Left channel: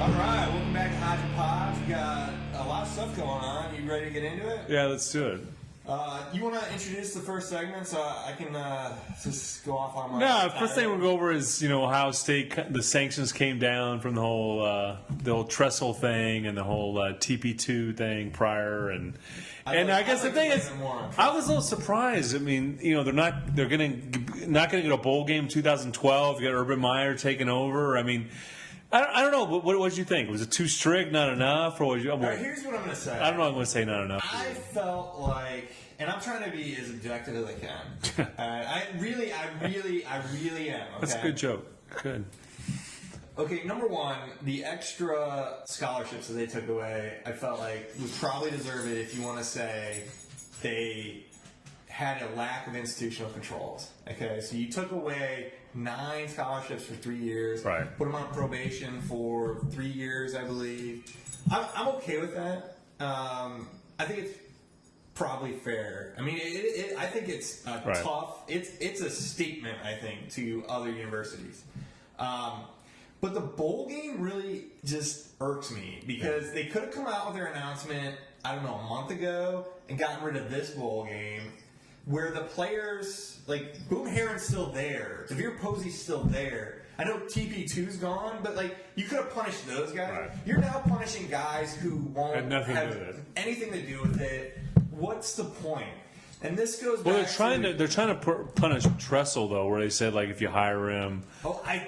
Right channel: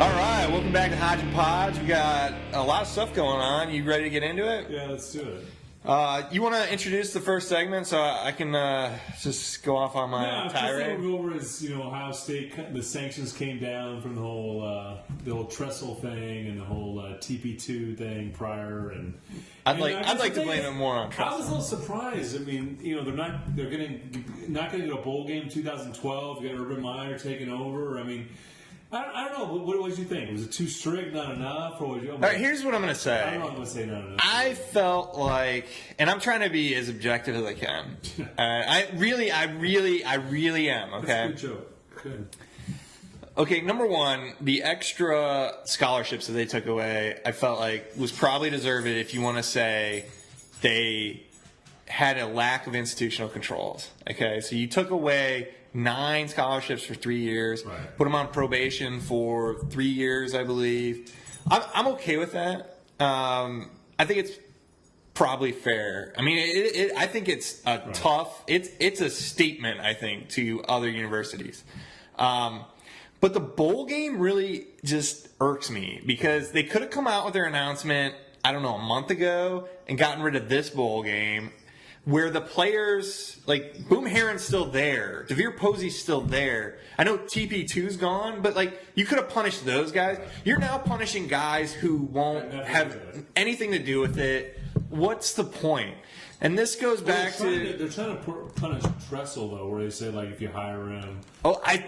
All right, welcome back to Hodge and Podge. We got a lot of stuff going on. You ready to get into it? Yeah, let's do it. You want to introduce the first segment so I can just go off on my First thing we'll go over is Ohio State. The sanctions came down from the whole trestle thing and the whole TP2 thing prior, and I'd like to blame them more on I was a little surprised. I mean, they're not going to get a bowl game in 2012. You got Urban Meyer taking over. I mean. I don't know. What did you think? Was it too strict, not enough, or was you? All right, here's what I'm going to say. I don't know. I'm going to say not enough. I felt like, and I'm trying to be as objective as I can. I really am. Okay, that's a good joke. Good. Okay, number one, the extra scholarships that they took away, I felt like was probably deserved if you want to say they had a lack of institutional controls. Okay, so you took away 9 scholarships for 3 years. Right. Put them on probation for 3 years, I believe. I'm okay with that. I think it's probably fair. I mean, I think it's tough. It's a statement, I think, to other universities. But the bowl game really just irks me because they could have come out with their announcement, I don't know, a month ago and gotten rid of this bowl game. Where the players, like, Boom Herron's still there. DeVere Posey's still there. I know TP2's gone, but, like, you could have punished those guys. Right. You're now punishing guys who won't have anything to do with it. What's the point? And this goes back they're trying to punish Tressel, though, where they said, like, if you hire him. Oh, and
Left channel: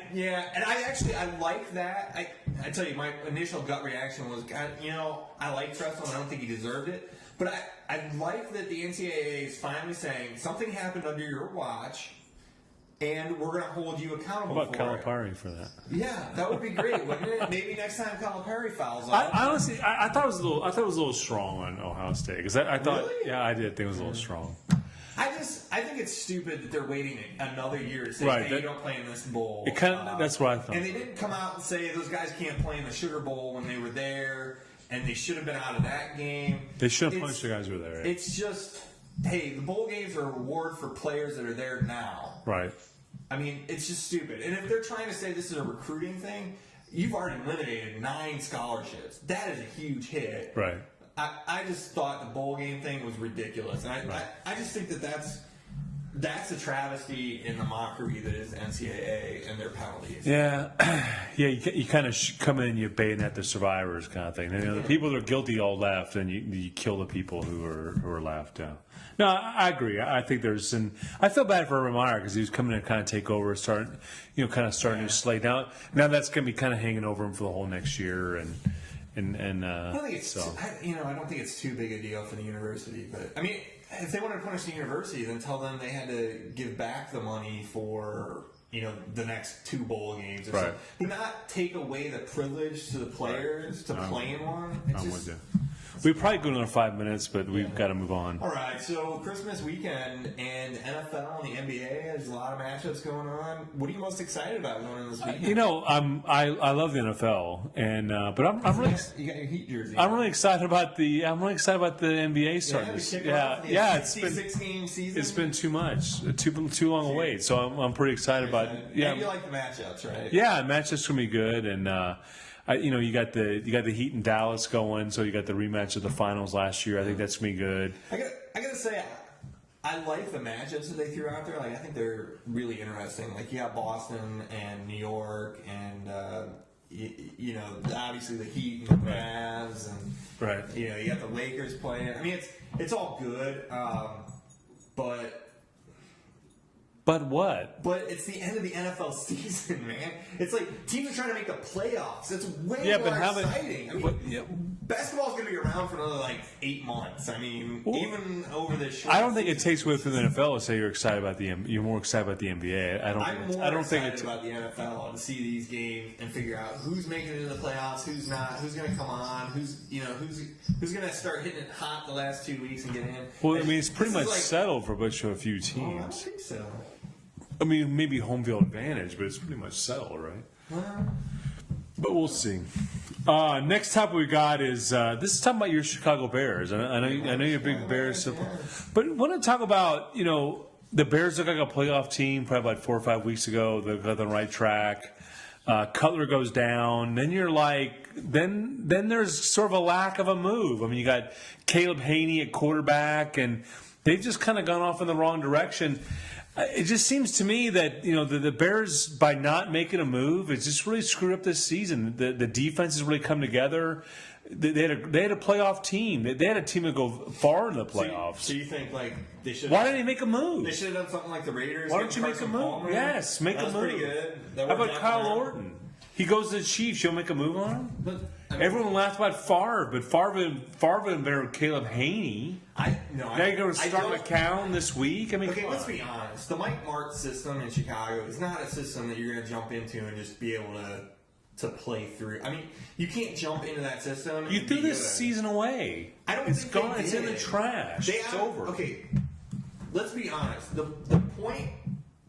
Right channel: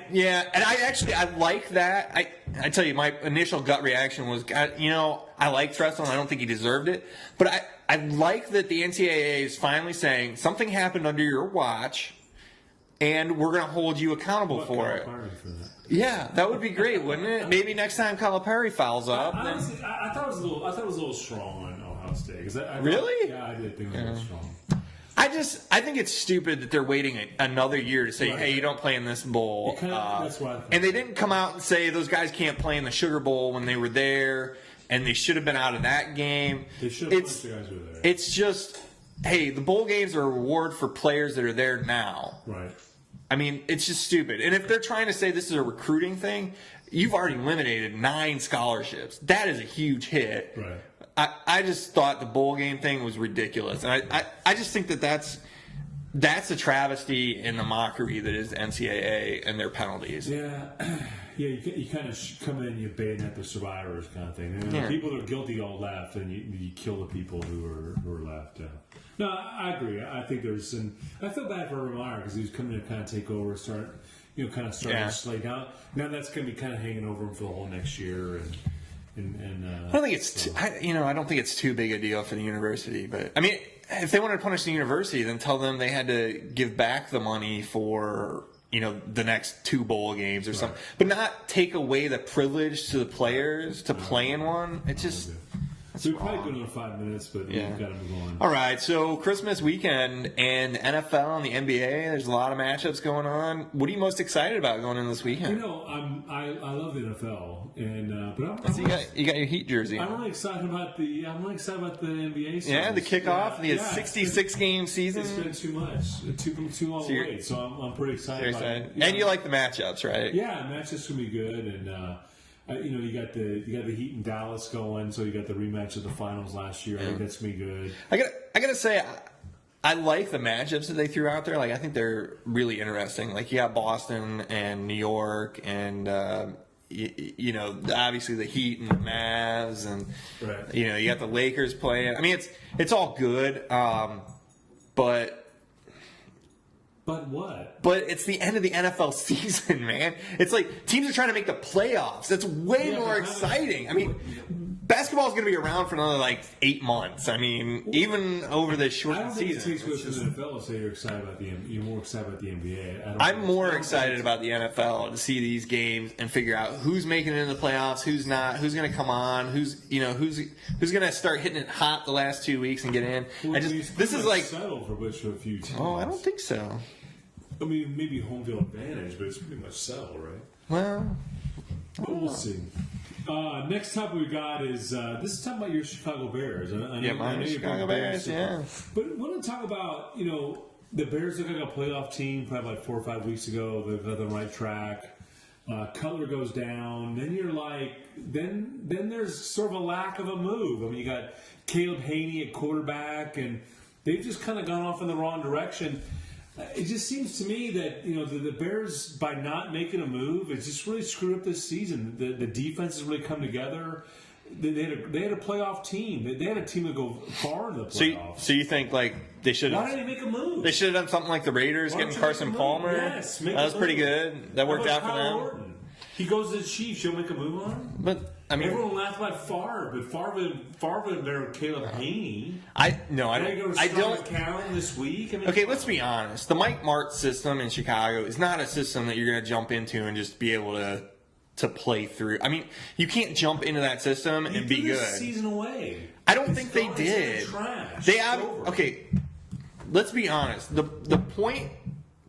I like that. I tell you, my initial gut reaction was, I like Tressel, and I don't think he deserved it. But I like that the NCAA is finally saying something happened under your watch, and we're going to hold you accountable for it. Calipari for that. Yeah, that would be great, wouldn't it? Maybe next time Calipari fouls up. Honestly, I thought it was a little strong on Ohio State Really? Yeah, I did think it was a little strong. I think it's stupid that they're waiting another year to say, hey, you don't play in this bowl. That's what I thought. And they didn't come out and say those guys can't play in the Sugar Bowl when they were there. And they should have been out of that game. They should have punished the guys who were there. It's just, hey, the bowl games are a reward for players that are there now. Right. I mean, it's just stupid. And if they're trying to say this is a recruiting thing, you've already eliminated 9 scholarships. That is a huge hit. Right. I just thought the bowl game thing was ridiculous. And I just think that's a travesty in the mockery that is NCAA and their penalties. Yeah, you kind of come in and you bayonet the survivors kind of thing. The people that are guilty all left, and you kill the people who are left. No, I agree. I think there's I feel bad for Urban Meyer because he was coming in to kind of take over, starting to slay down. Now that's going to be kind of hanging over him for the whole next year and. I don't think it's I don't think it's too big a deal for the university, but I mean, if they wanted to punish the university, then tell them they had to give back the money for the next 2 bowl games or something, but not take away the privilege to the players to play in one. It's just. We've probably go another 5 minutes, but we've got to move on. All right, so Christmas weekend and NFL and the NBA. There's a lot of matchups going on. What are you most excited about going into this weekend? I love the NFL, but you got your Heat jersey. I'm really excited about the NBA stuff. Yeah, the kickoff, the 66-game season. It's been too much, too long a wait. So I'm pretty excited about it. And you like the matchups, right? Yeah, matchups gonna be good, and. You got the Heat in Dallas going, so you got the rematch of the finals last year. I think that's gonna be good. I gotta say, I like the matchups that they threw out there. Like I think they're really interesting. Like you got Boston and New York, and obviously the Heat and the Mavs, and you got the Lakers playing. I mean, it's all good, but. But what? But it's the end of the NFL season, man. It's like teams are trying to make the playoffs. That's way more exciting. I mean, basketball's going to be around for another 8 months. I mean, even over this short. I don't think it takes away from the NFL to say you're excited about you're more excited about the NBA. I'm more excited about the NFL to see these games and figure out who's making it into the playoffs, who's not, who's going to come on, who's going to start hitting it hot the last 2 weeks and get in. Well, it's pretty much settled for a few teams. Oh, I don't think so. I mean, maybe home field advantage, but it's pretty much settled, right? Well, but we'll see. Next topic we got is this is talking about your Chicago Bears. I know you're a big Bears supporter, but I want to talk about the Bears look like a playoff team probably like 4 or 5 weeks ago. They're on the right track. Cutler goes down. Then you're like, then there's sort of a lack of a move. I mean, you got Caleb Haney at quarterback, and they've just kind of gone off in the wrong direction. It just seems to me that the Bears, by not making a move, it's just really screwed up this season. The defense has really come together. They had a playoff team. They had a team that go far in the playoffs. So you think like they should? Why didn't they make a move? They should have done something like the Raiders, getting Carson Palmer. Yes, that was pretty good. That worked out for them. Kyle Orton? He goes to the Chiefs. You'll make a move on him? But I mean, everyone laughed about Favre, but Favre been better than Caleb Haney. I don't. Go to McCown this week. I mean, okay, let's be honest. The Mike Martz system in Chicago is not a system that you're going to jump into and just be able to play through. I mean, you can't jump into that system and be good. You threw this season away. I don't think they did. It's in the trash. Okay, let's be honest. The point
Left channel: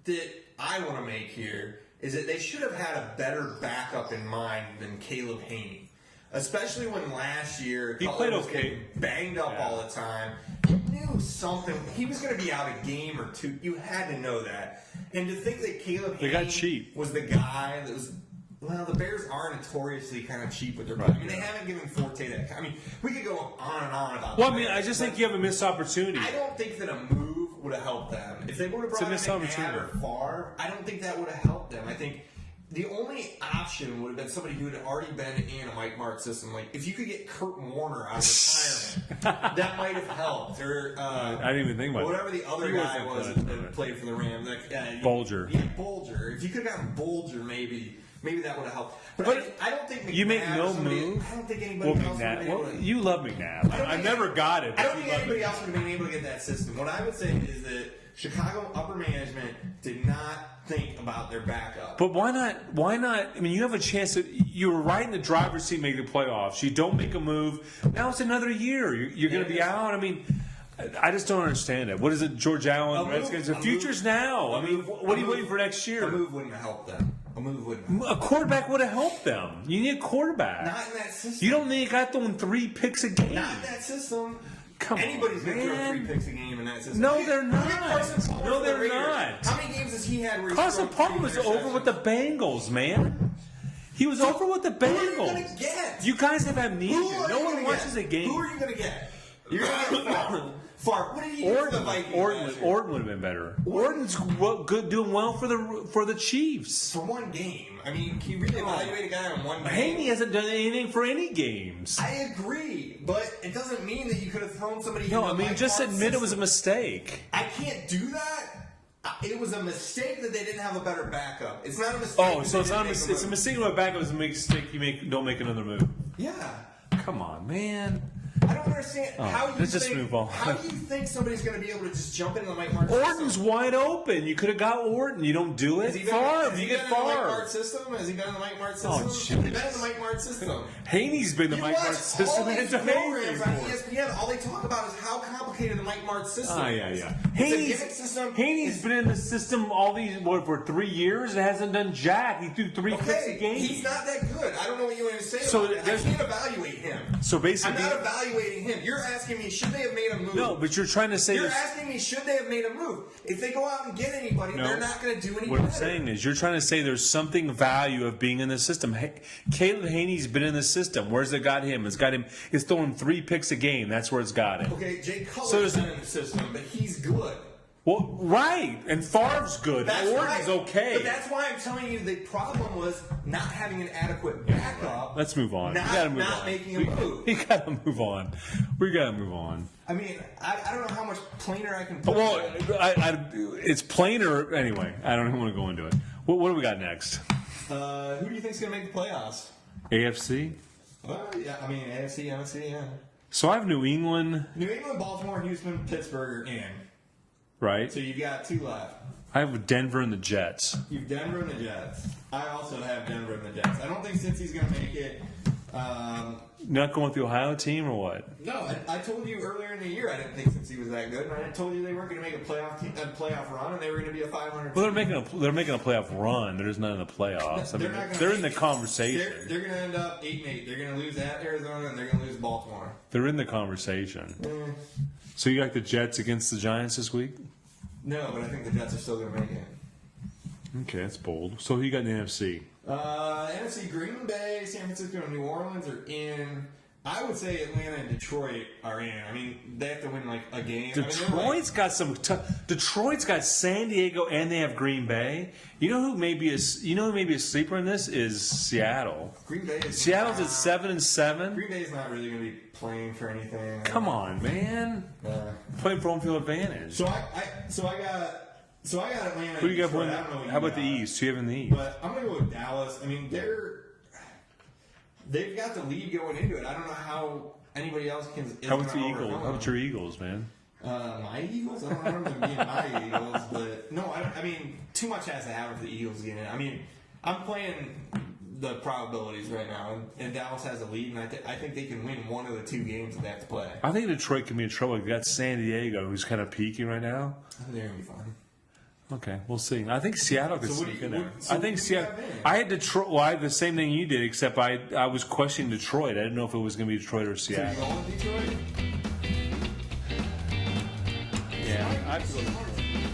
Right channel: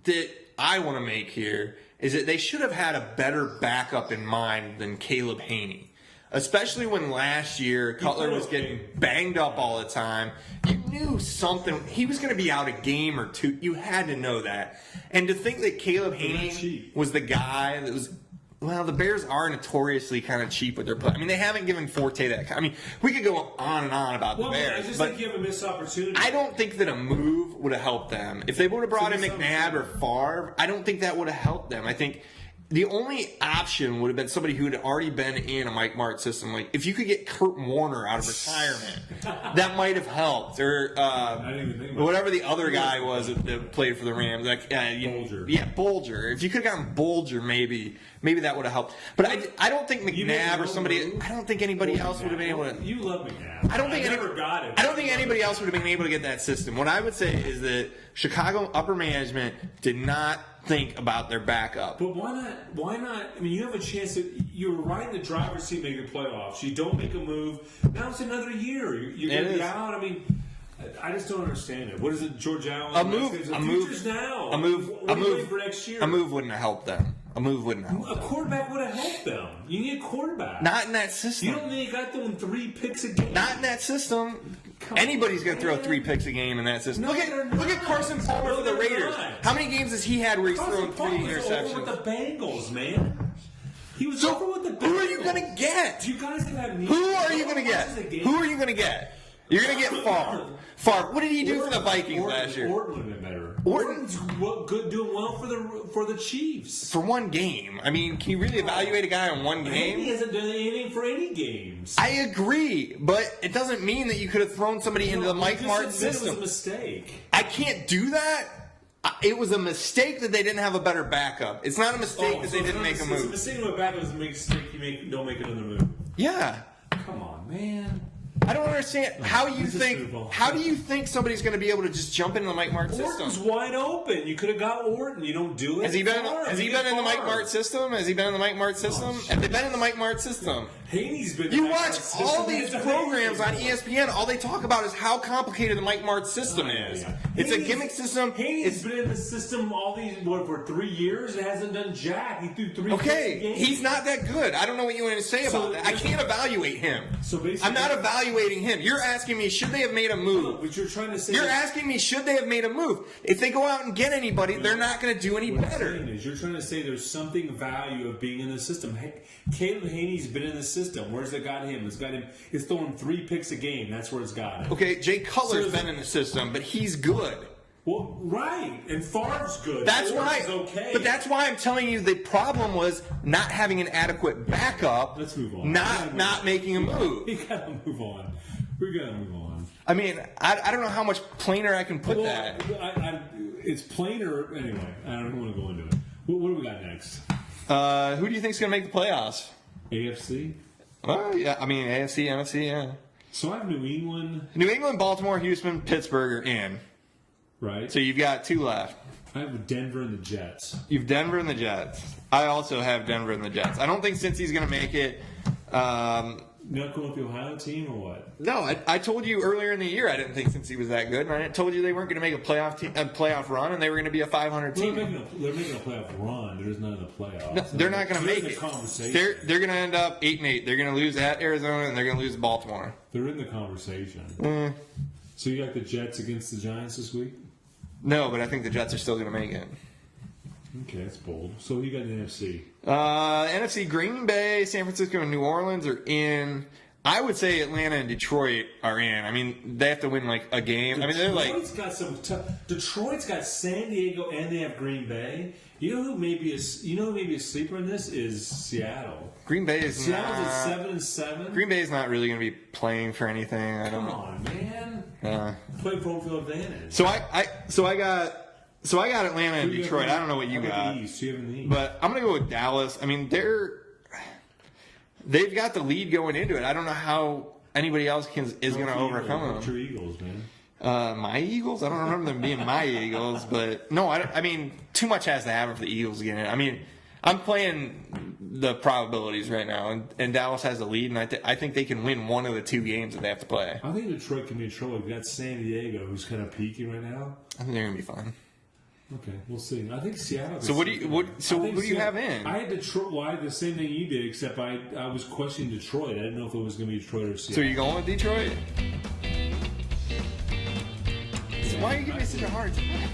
that I want to make here is that they should have had a better backup in mind than Caleb Haney. Especially when last year Cutler was getting banged up all the time. You knew something. He was going to be out a game or two. You had to know that. And to think that Caleb Haney was the guy that was... Well, the Bears are notoriously kind of cheap with their play. I mean, they haven't given Forte that. I mean, we could go on and on about the Bears. I just think you have a missed opportunity. I don't think that a move would have helped them. If they would have brought in McNabb or Favre, I don't think that would have helped them. I think the only option would have been somebody who had already been in a Mike Martz system. Like, if you could get Kurt Warner out of retirement, that might have helped. Or I didn't even think about whatever the other guy was that played for the Rams. Like, Bolger. Yeah, Bolger. If you could have gotten Bolger, maybe that would have helped. But I don't think McNabb or somebody. I don't think anybody else would have been able to. You love McNabb. I don't think anybody else would have been able to get that system. What I would say is that Chicago upper management did not think about their backup. But why not? Why not? I mean, you have a chance that you were right in the driver's seat making the playoffs. You don't make a move. Now it's another year. You're going to be out. I mean, I just don't understand it. What is it, George Allen? The future's now. What are you waiting for next year? A move wouldn't have helped them. A quarterback would have helped them. You need a quarterback. Not in that system. You don't need a guy throwing 3 picks a game. Not in that system. Anybody's going to throw 3 picks a game in that system. No, they're not. Look at Carson Palmer for the Raiders. How many games has he had where he's thrown 3 interceptions? Carson Palmer was over with the Bengals, man. He was over with the Bengals. Who are you going to get? You guys have amnesia. Who are you going to get? Who are you going to get? You're going to get Favre. What did he do for the Vikings last year? Orton would have been better. Orton's doing well for the Chiefs. For one game. I mean, can you really evaluate a guy on one game? Haney hasn't done anything for any games. I agree, but it doesn't mean that you could have thrown somebody into the Mike Martz system. Just admit it was a mistake. I can't do that. It was a mistake that they didn't have a better backup. It's not a mistake that they didn't make a move. It's a mistake with a backup. It's a mistake don't make another move. Yeah. Come on, man. I don't understand how you think. How do you think somebody's going to be able to just jump into the Mike Martz system? Orton's wide open. You could have got Orton. You don't do it. Has he been in the Mike Martz system? Have they been in the Mike Martz system? Haney's been in the Mike Martz system. You watch all these programs on ESPN. All they talk about is how complicated the Mike Martz system is. Yeah. It's a gimmick system. Haney's been in the system for 3 years. It hasn't done jack. He threw 3 games. Okay, he's not that good. I don't know what you want to say about it. I can't evaluate him. So basically, I'm not evaluating him. You're asking me, should they have made a move? No, but you're trying to say... You're asking me, should they have made a move? If they go out and get anybody, they're not going to do any better. What I'm saying is, you're trying to say there's something value of being in the system. Hey, Caleb Haney's been in the system. Where's it got him? It's got him... It's throwing 3 picks a game. That's where it's got him. Okay, Jay Cutler's been in the system, but he's good. Well, right, and Favre's good. That's right. Okay. But that's why I'm telling you the problem was not having an adequate backup. Let's move on. Not making a move. We got to move on. We got to move on. I mean, I don't know how much plainer I can put that. It's plainer anyway. I don't want to go into it. What do we got next? Who do you think is going to make the playoffs? AFC? Yeah, I mean, AFC, NFC, yeah. So I have New England, Baltimore, Houston, Pittsburgh are in. Right. So you've got 2 left. I have Denver and the Jets. You've Denver and the Jets. I also have Denver and the Jets. I don't think Cincy's going to make it. Not going with the Ohio team or what? No, I told you earlier in the year I didn't think Cincy was that good. And I told you they weren't going to make a playoff run, and they were going to be a 500 team. Well, they're making a playoff run. They're just not in the playoffs. No, they're not going to make it. They're in the conversation. They're going to end up 8-8. They're going to lose at Arizona, and they're going to lose Baltimore. They're in the conversation. So you got the Jets against the Giants this week? No, but I think the Jets are still going to make it. Okay, that's bold. So who you got in the NFC? NFC, Green Bay, San Francisco, and New Orleans are in. I would say Atlanta and Detroit are in. I mean, they have to win like a game. Detroit's got some. Detroit's got San Diego and they have Green Bay. You know who maybe a sleeper in this is Seattle. Green Bay is Seattle's at 7-7. Green Bay is not really going to be playing for anything. Come on, man. Play home field advantage. So I got Atlanta and Detroit. I don't know what you got. How about the East? Who you have in the East? But I'm going to go with Dallas. I mean, they've got the lead going into it. I don't know how anybody else is going to overcome them. What's your Eagles, man? My Eagles? I don't remember them being my Eagles, but no, I mean, too much has to happen for the Eagles to get in. I mean, I'm playing the probabilities right now, and Dallas has the lead, and I think they can win one of the two games that they have to play. I think Detroit can be in trouble. We've got San Diego, who's kind of peaking right now. I think they're going to be fine. Okay, we'll see. I think Seattle. So what do you have in? I had Detroit. Well, I had the same thing you did, except I was questioning Detroit. I didn't know if it was going to be Detroit or Seattle. So you going with Detroit? Yeah, why are you giving me such a hard time?